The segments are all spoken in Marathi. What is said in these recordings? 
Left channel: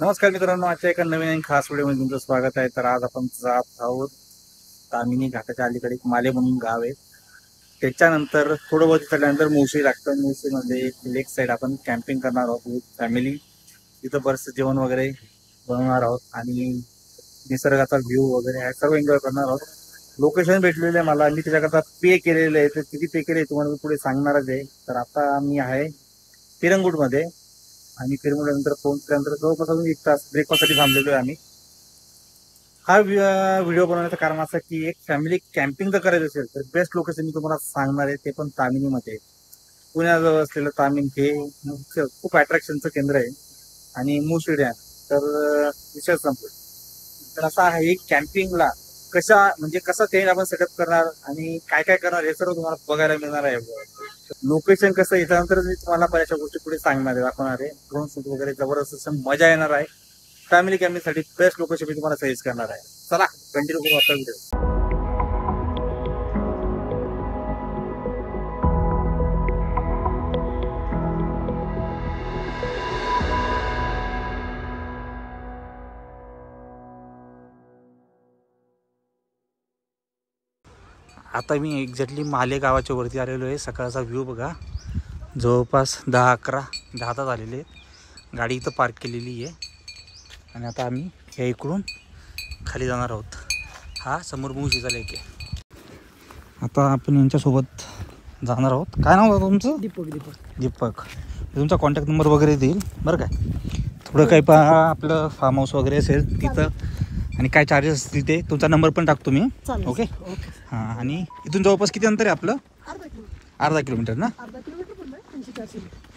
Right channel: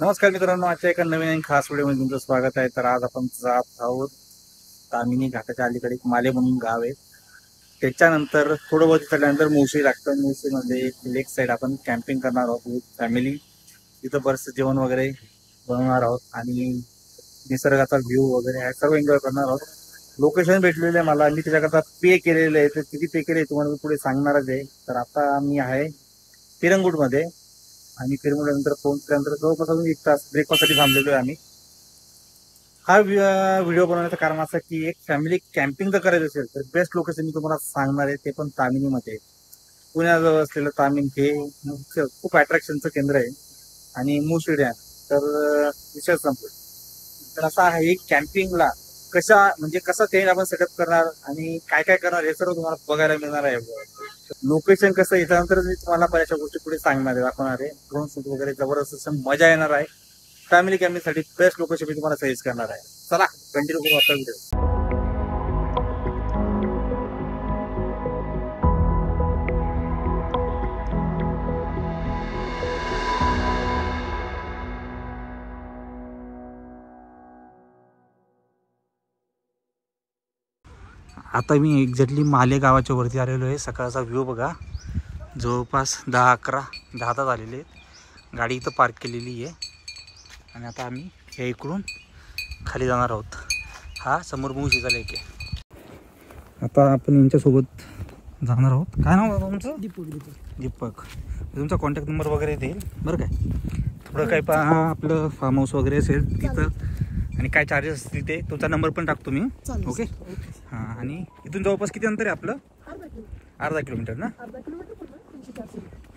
नमस्कार मित्रांनो, आजच्या एका नवीन आणि खास व्हिडिओमध्ये तुमचं स्वागत आहे. तर आज आपण जात आहोत तामिनी घाटाच्या अलीकडे एक माले म्हणून गाव आहे. त्याच्यानंतर थोडं बहुत चढल्यानंतर मुळशी लागतं. मुळशीमध्ये एक लेक साईड आपण कॅम्पिंग करणार आहोत विथ फॅमिली. तिथं बरंचसं जेवण वगैरे बनवणार आहोत आणि निसर्गाचा व्ह्यू वगैरे आहे सर्व एन्जॉय करणार आहोत. लोकेशन भेटलेलं आहे मला, मी त्याच्याकरता पे केलेलं आहे. तर किती पे केले तुम्हाला मी पुढे सांगणारच आहे. तर आता मी आहे पिरंगुटमध्ये आणि फिरमुल्यानंतर पोहोचल्यानंतर जवळपास अजून 1 तास ब्रेकफास्टसाठी थांबलेलो आहे आम्ही. हा व्हिडिओ बनवण्याचं कारण असं की एक फॅमिली कॅम्पिंग जर करायचं असेल तर बेस्ट लोकेशन मी तुम्हाला सांगणार आहे, ते पण तामिनीमध्ये. पुण्याजवळ असलेलं तामीन हे खूप अट्रॅक्शनचं केंद्र आहे आणि मुळशी डॅम. तर विषय संपला. तर असा आहे कॅम्पिंगला कशा म्हणजे कसं ते आपण सेटअप करणार आणि काय काय करणार हे सर्व तुम्हाला बघायला मिळणार आहे. लोकेशन कसं याच्यानंतर मी तुम्हाला बऱ्याचशा गोष्टी पुढे सांगणार आहे, दाखवणार आहे. ड्रोन शूट वगैरे जबरदस्त मजा येणार आहे. फॅमिली कॅम्पिंगसाठी बेस्ट लोकेशन मी तुम्हाला सजेस्ट करणार आहे. चला कंटिन्यू करू आपला व्हिडिओ. आता मी एक्झॅक्टली माले गावाच्या वरती आलेलो आहे. सकाळचा व्ह्यू बघा, जवळपास 10-11 तास आलेले आहेत. गाडी इथं पार्क केलेली आहे आणि आता आम्ही या इकडून खाली जाणार आहोत. हा समोर मुळशीचा लेक आहे. आता आपण यांच्यासोबत जाणार आहोत. काय नाव आहे तुमचं? दीपक. तुमचा कॉन्टॅक्ट नंबर वगैरे देईल बरं काय. थोडं काही आपलं फार्म हाऊस वगैरे असेल तिथं आणि काय चार्जेस असतील ते तुमचा नंबर पण टाकतो मी. ओके हां. आणि इथून जवळपास किती अंतर आहे आपलं? अर्धा किलोमीटर ना?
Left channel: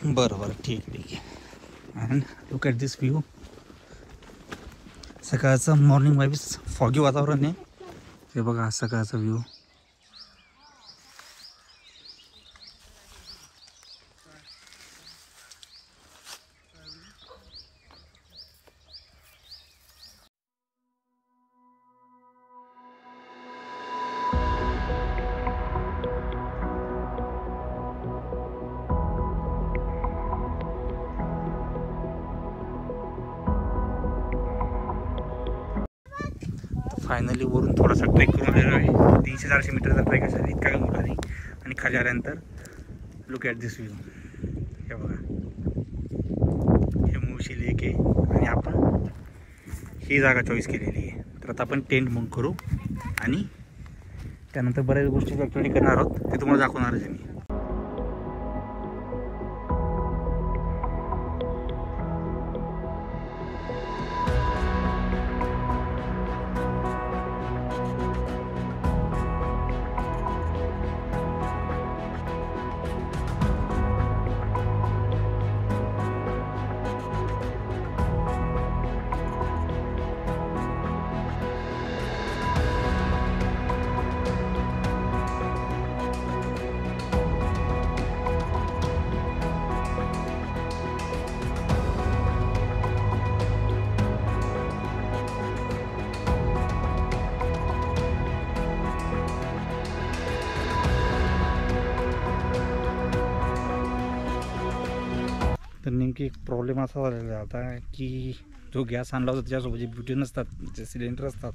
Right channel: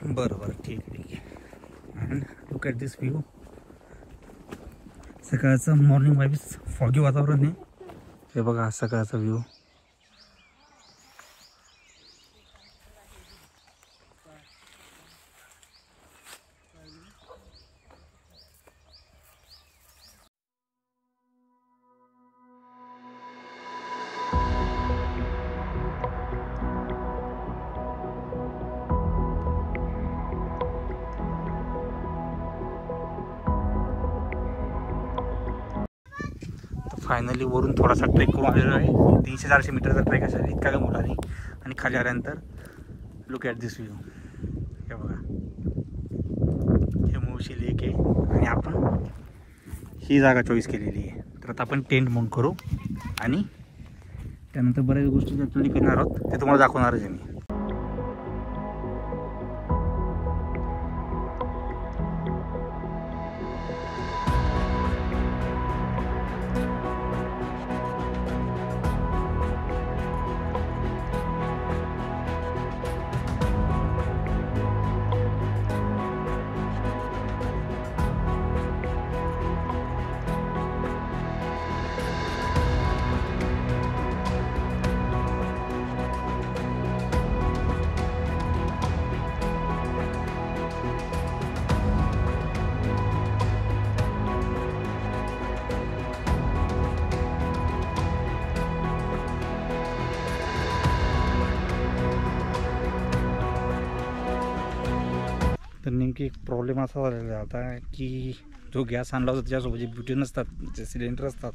बरं बरं ठीक आहे. And look at this view. सकाळचं मॉर्निंग वाईब्स, फॉगी वातावरण आहे. हे बघा सकाळचा व्ह्यू. फायनली वरून थोडासा ट्रेक करून आलेलो आहे. 300-400 मीटरचा ट्रेक असेल, इतका काही मोठा नाही. आणि खाली आल्यानंतर लुक ॲट दिस व्ह्यू. हे बघा, हे मुळशी लेक आहे आणि आपण ही जागा चॉईस केलेली आहे. तर आता आपण टेंट माउंट करू आणि त्यानंतर बऱ्याच गोष्टी ॲक्च्युअली करणार आहोत, ते तुम्हाला दाखवणारच आहे मी. तर नेमकी एक प्रॉब्लेम असा झालेला आहे आता की जो गॅस आणला होता त्याच्यासोबत जे ब्युटेन असतात, जे सिलेंडर असतात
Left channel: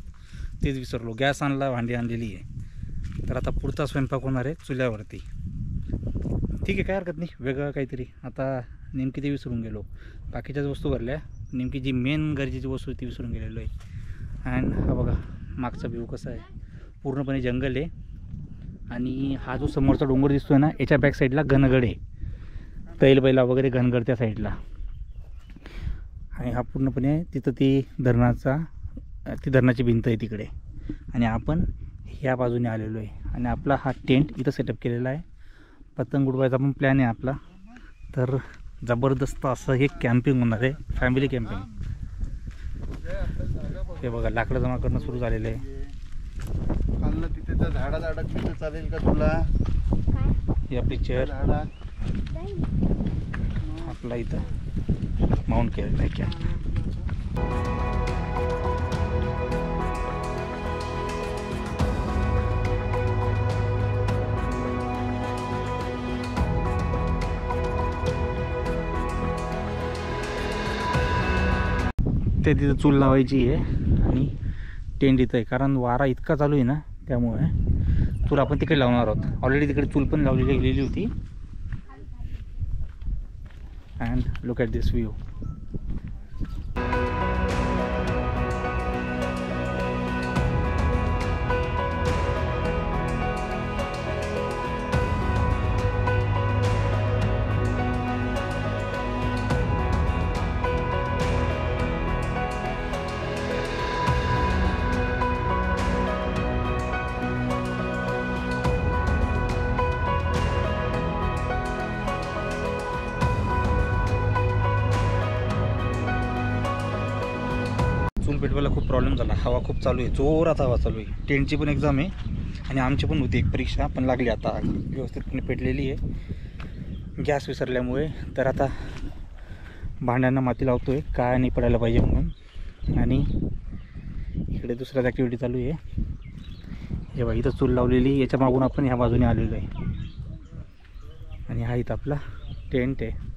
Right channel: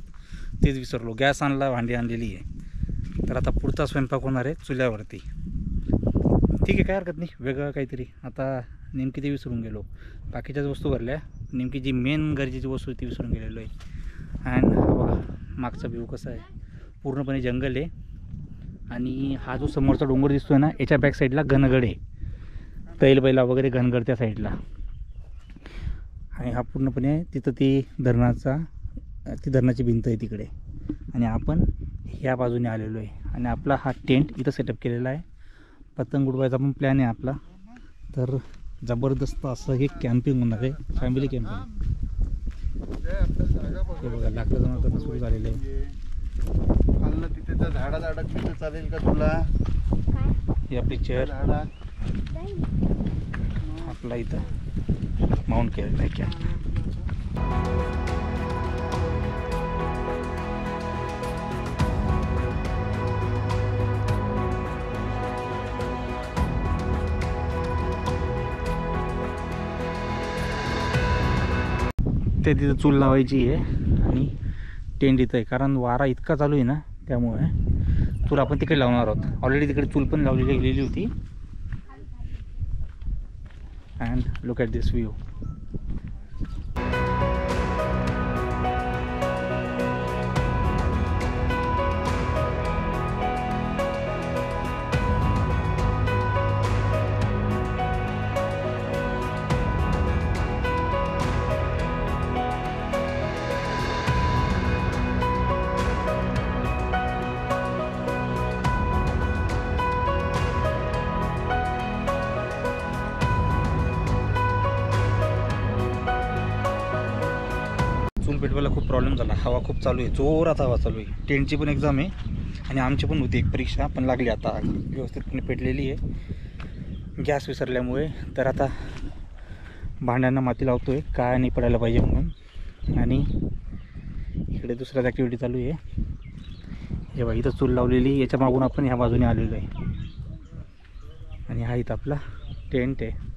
तेच विसरलो. गॅस आणला, भांडी आणलेली आहे. तर आता पुढचा स्वयंपाक होणार आहे चुल्यावरती. ठीक आहे, काय हरकत नाही, वेगळं काहीतरी. आता नेमकी ते विसरून गेलो. बाकीच्याच वस्तू भरल्या, नेमकी जी मेन गरजेची वस्तू ती विसरून गेलेलो आहे. अँड हा बघा मागचा व्ह्यू कसा आहे, पूर्णपणे जंगल आहे. आणि हा जो समोरचा डोंगर दिसतोय ना, याच्या बॅक साईडला घनगड आहे. तैलबैला वगैरे घनगड त्या साईडला. आणि हा पूर्णपणे तिथं ती धरणाची भिंत आहे तिकडे. आणि आपण ह्या बाजूने आलेलो आहे. आणि आपला हा टेंट इथं सेटअप केलेला आहे. पतंग उडवायचा पण प्लॅन आहे आपला. तर जबरदस्त असं हे कॅम्पिंग होणार आहे, फॅमिली कॅम्पिंग. हे बघा लाकडं जमा करणं सुरू झालेलं आहे. तिथे त्या झाडाला अडकली तर चालेल का तुला? ही आपली चेअर आपला इथं माउंट केलेला आहे कॅम्प. ते तिथं चूल लावायची आहे आणि टेंट इथं आहे, कारण वारा इतका चालू आहे ना, त्यामुळे चूल आपण तिकडे लावणार आहोत. ऑलरेडी तिकडे चूल पण लावलेली गेलेली होती. And look at this view. चूल पेटवायला खूप प्रॉब्लेम झाला. हवा खूप चालू आहे, जोरात हवा चालू आहे. टेंटची पण एक्झाम आहे आणि आमची पण होती एक परीक्षा, पण लागली आता. व्यवस्थितपणे पेटलेली आहे गॅस विसरल्यामुळे. तर आता भांड्यांना माती लावतो आहे, काय नाही पडायला पाहिजे म्हणून. आणि इकडे दुसऱ्याच ॲक्टिव्हिटी चालू आहे. हे बघा, इथं चूल लावलेली, याच्या मागून आपण ह्या बाजूने आलेलो आहे. आणि हा इथं आपला टेंट आहे.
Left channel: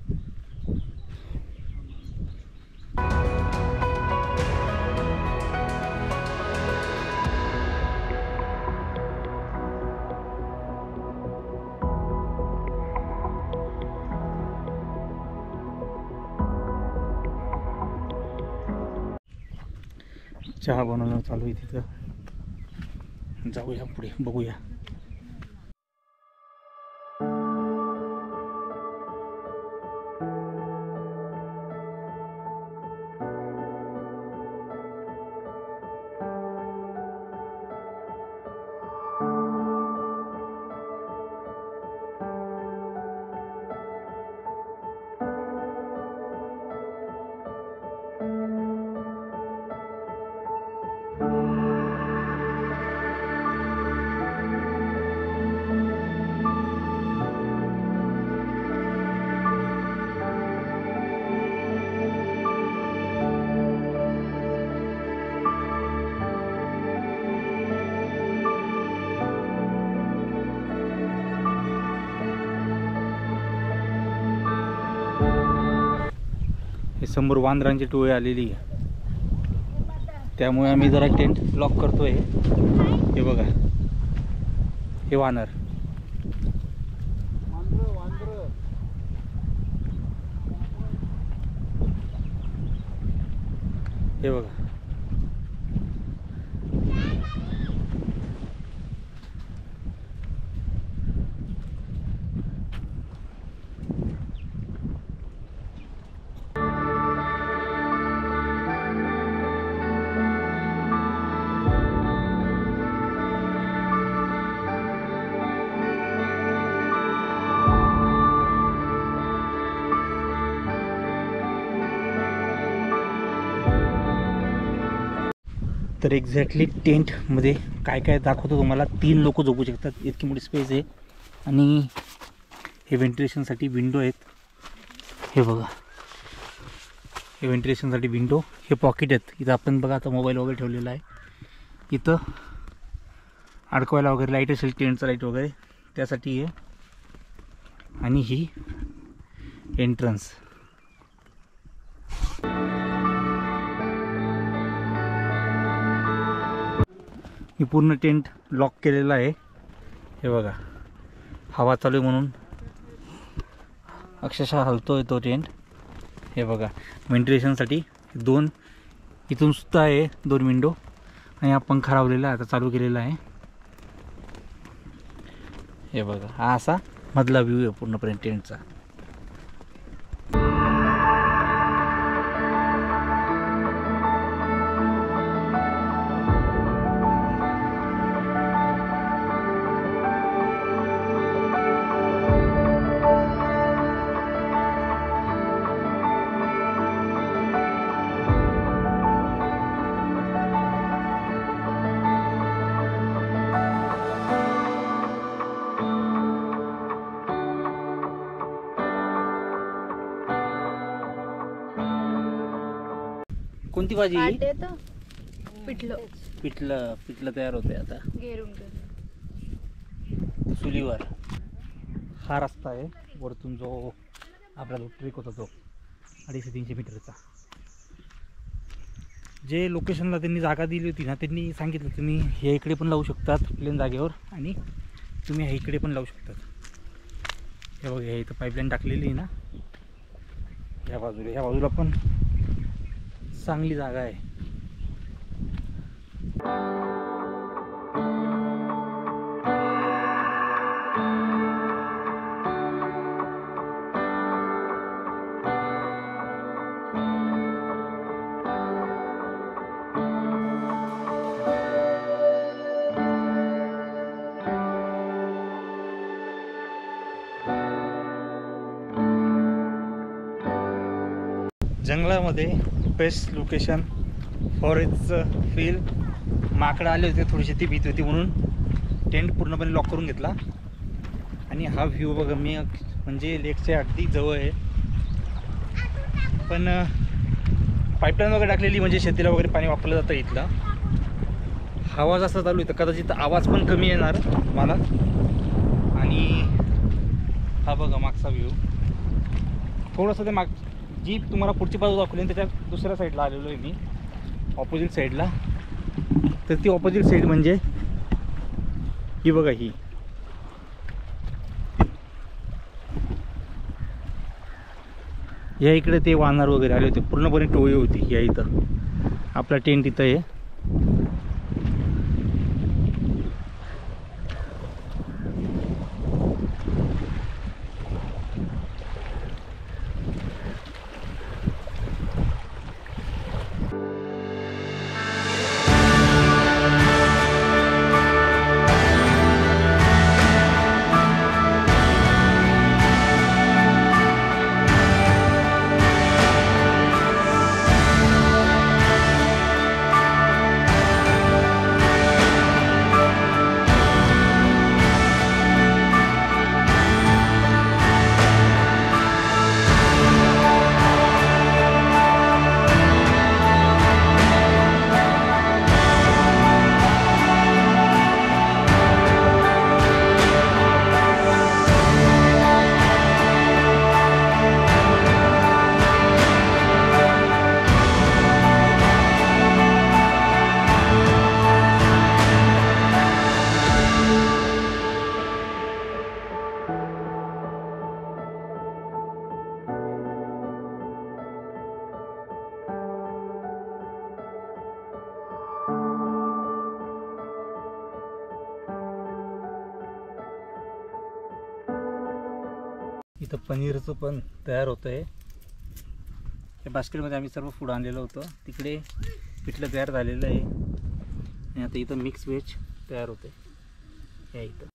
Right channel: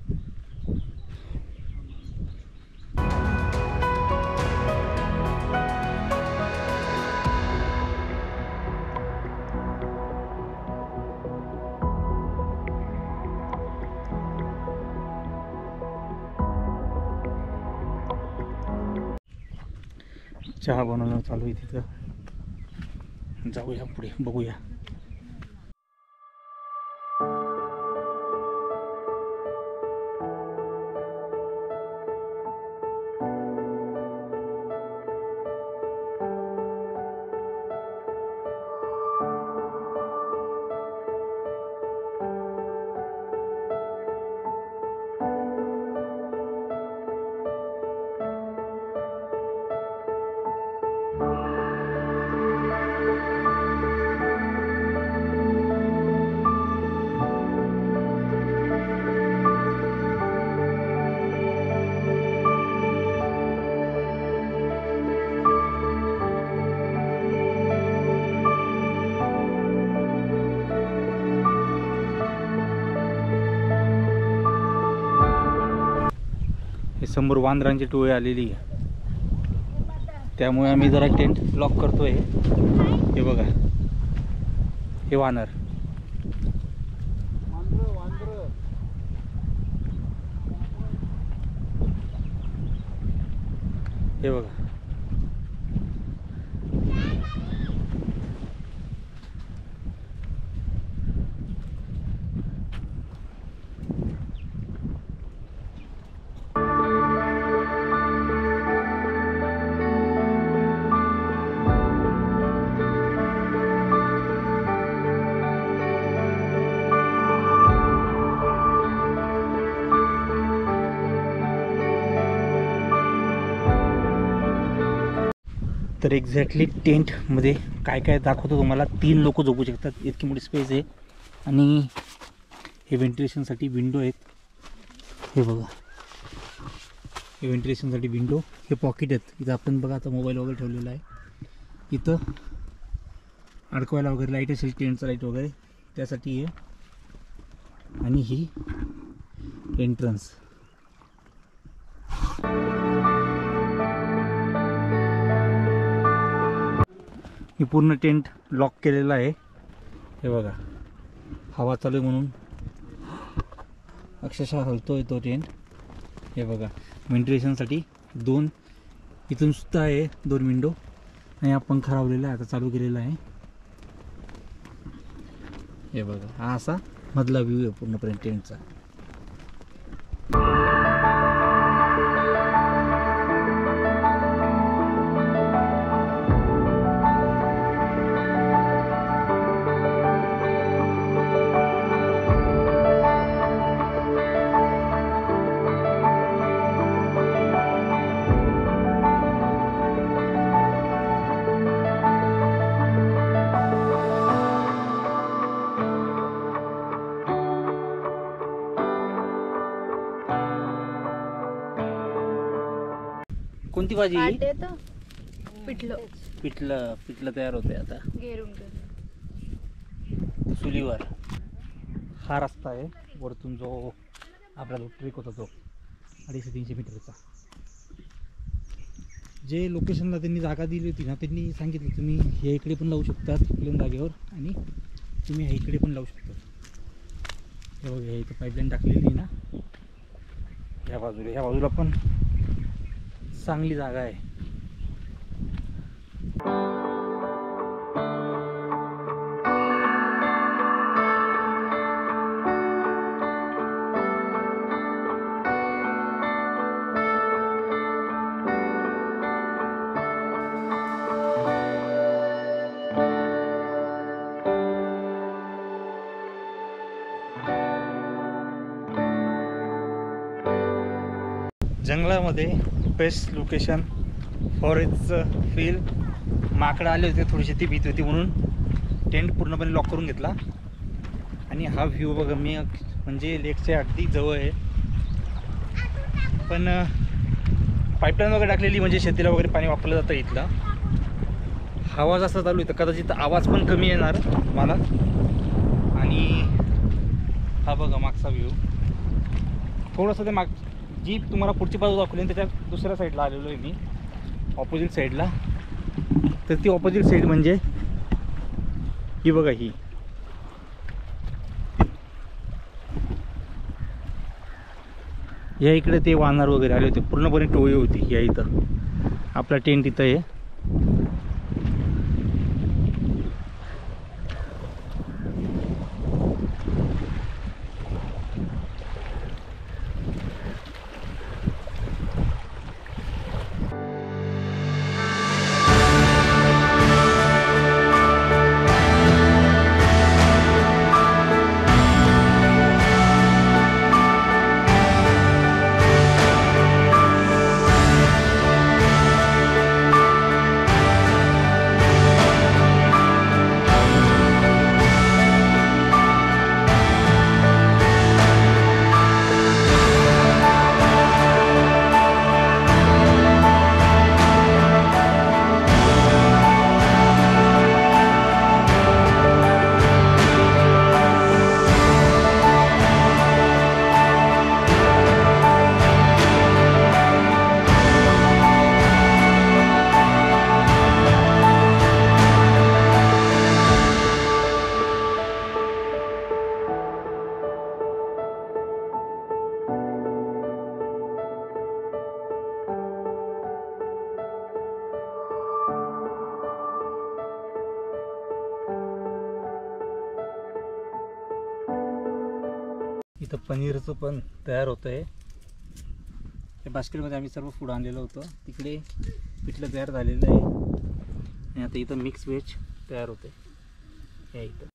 चहा बनवणं चालू आहे तिथं. जाऊया पुढे, बघूया. हे समोर वांदरांची टोळी आलेली आहे, त्यामुळे आम्ही जरा टेंट लॉक करतोय. हे बघा, हे वानर. हे बघा, तर एक्झॅक्टली टेंटमध्ये काय काय दाखवतो तुम्हाला. 3 लोक झोपू शकतात, इतकी मोठी स्पेस आहे. आणि हे व्हेंटिलेशनसाठी विंडो आहेत. हे बघा, हे व्हेंटिलेशनसाठी विंडो. हे पॉकेट आहेत, इथं आपण बघा आता मोबाईल वगैरे ठेवलेला आहे. इथं अडकवायला वगैरे लाईट असेल, टेंटचा लाईट वगैरे, त्यासाठी आहे. आणि ही एंट्रन्स. ही पूर्ण टेंट लॉक केलेला आहे. हे बघा, हवा चालू आहे म्हणून अक्षरशः हलतोय तो टेंट. हे बघा, व्हेंटिलेशनसाठी 2 इथून सुद्धा आहे 2 विंडो. आणि हा पंखा लावलेला आता चालू केलेला आहे. हे बघा, हा असा मधला व्ह्यू आहे पूर्णपणे टेंटचा. कोणती भाजी? पिठलं तयार होते आता चुलीवर. हा रस्ता आहे वरतून जो आपला ट्रेक होता तो 250-300 मीटरचा. जे लोकेशनला त्यांनी जागा दिली होती ना, त्यांनी सांगितलं तुम्ही हे इकडे पण लावू शकतात प्लेन जागेवर आणि तुम्ही हे इकडे पण लावू शकतात. हे बघा, हे इथं पाईपलाईन टाकलेली आहे ना, ह्या बाजूला पण चांगली जागा आहे. जंगलामध्ये बेस्ट लोकेशन, फॉरेस्ट फील. माकडं आले होते, थोडीशी ती भीती होती म्हणून टेंट पूर्णपणे लॉक करून घेतला. आणि हा व्ह्यू बघा, मी म्हणजे लेकच्या अगदी जवळ आहे. पण पाईपलाईन वगैरे टाकलेली म्हणजे शेतीला वगैरे पाणी वापरलं जातं इथलं. हवा जास्त चालू आहे तर कदाचित आवाज पण कमी येणार मला. आणि हा बघा मागचा व्ह्यू, थोडंसं ते जी तुम्हाला पुढची बाजू दाखवली त्याच्या दुसऱ्या साईडला आलेलो आहे मी, ऑपोजिट साईडला. तर ती ऑपोजिट साईड म्हणजे ही बघा, ही या इकडे ते वानर वगैरे आले होते, पूर्णपणे टोळी होती. या इथं आपला टेंट इथं आहे. इथं पनीरचं पण तयार होतं आहे. त्या बास्केटमध्ये आम्ही सर्व फूड आणलेलं होतं. तिकडे पिठलं तयार झालेलं आहे आणि आता इथं मिक्स व्हेज तयार होते. या इथं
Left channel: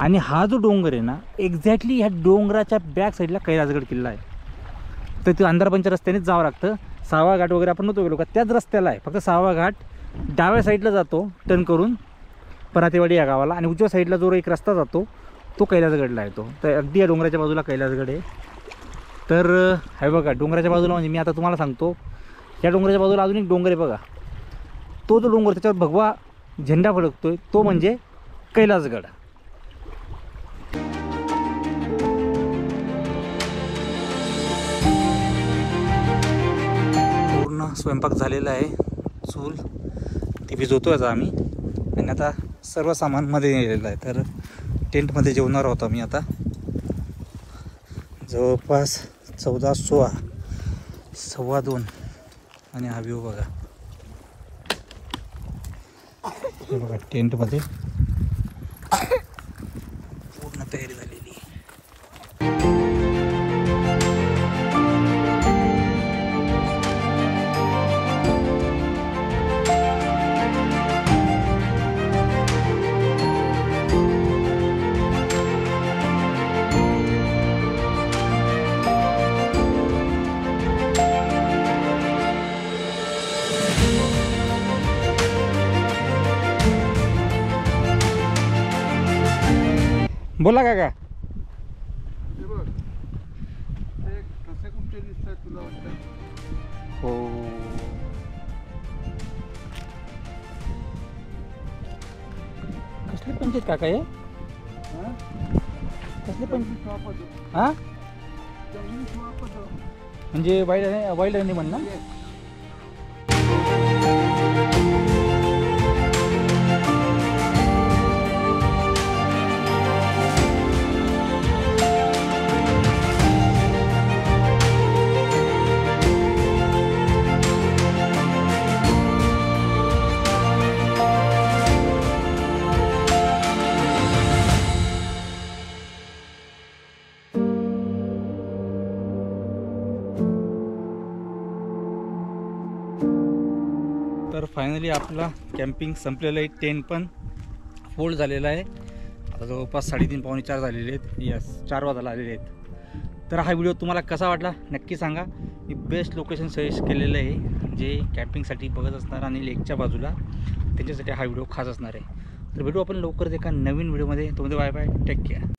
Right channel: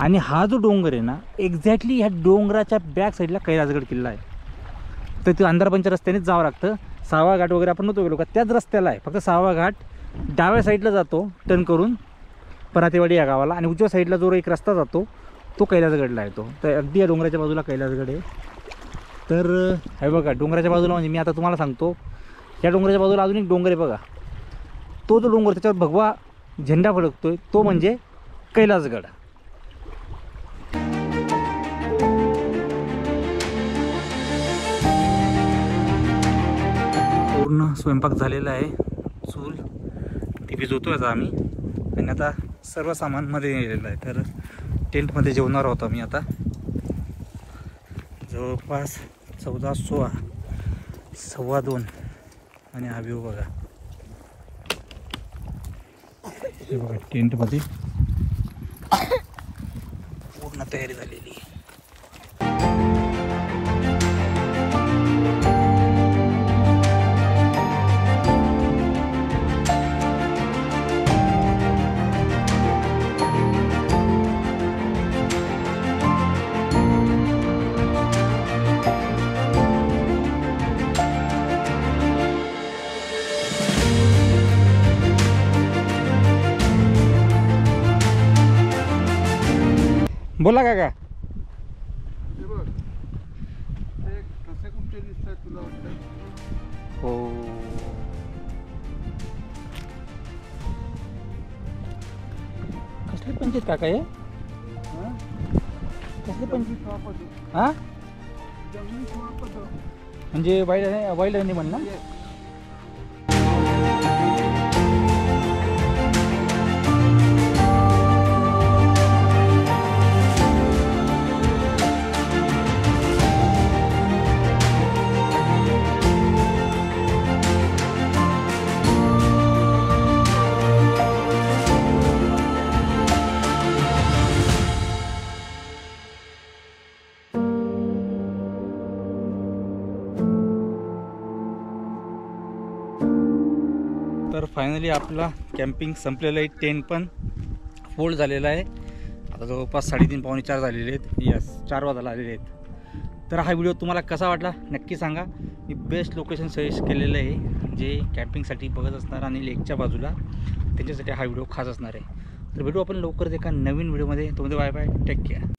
आणि हा जो डोंगर आहे ना, एक्झॅक्टली ह्या डोंगराच्या बॅक साईडला कैलासगड किल्ला आहे. तर ते अंधारपंच्या रस्त्यानेच जावं लागतं. 6वा घाट वगैरे आपण नव्हतो गेलो का, त्याच रस्त्याला आहे. फक्त 6वा घाट डाव्या साईडला जातो टर्न करून परातेवाडी या गावाला, आणि उजव्या साईडला जो एक रस्ता जातो तो कैलासगडला येतो. तर अगदी या डोंगराच्या बाजूला कैलासगड आहे. तर हे बघा डोंगराच्या बाजूला, म्हणजे मी आता तुम्हाला सांगतो, या डोंगराच्या बाजूला अजून एक डोंगर आहे बघा. तो जो डोंगर त्याच्यावर भगवा झेंडा फडकतोय तो म्हणजे कैलासगड. पूर्ण स्वयंपाक झालेला आहे. चूल ती भिजवतो आता आम्ही, आणि आता सर्व सामान मध्ये नेलेलं आहे. तर टेंटमध्ये जेवणार होता मी आता. जवळपास 14:16, 2:15 आणि हा व्ह्यू बघा. बघा टेंटमध्ये पूर्ण तयारी झालेली आहे. बोला काका. हे बघ ते कसे कुठचे दिसतात तुला वाटतं? हो, कसले पंचायत काका हे? हा? कसले जंगली पंचायत? श्वाप होतो. हा, जंगली श्वाप होतो. म्हणजे वाईल्ड अॅनिमल ना? Yes. तर फायनली आपला कॅम्पिंग संपलेलं आहे. टेंट पण फोल्ड झालेला आहे. आता जवळपास 3:30 पावणे 4 झालेले आहेत. यस, 4 वाजायला आलेले आहेत. तर हा व्हिडिओ तुम्हाला कसा वाटला नक्की सांगा. मी बेस्ट लोकेशन सजेस्ट केलेलं आहे जे कॅम्पिंगसाठी बघत असणार आणि लेकच्या बाजूला त्यांच्यासाठी हा व्हिडिओ खास असणार आहे. तर भेटू आपण लवकरच एका नवीन व्हिडिओमध्ये. तुम्ही बाय बाय, टेक केअर.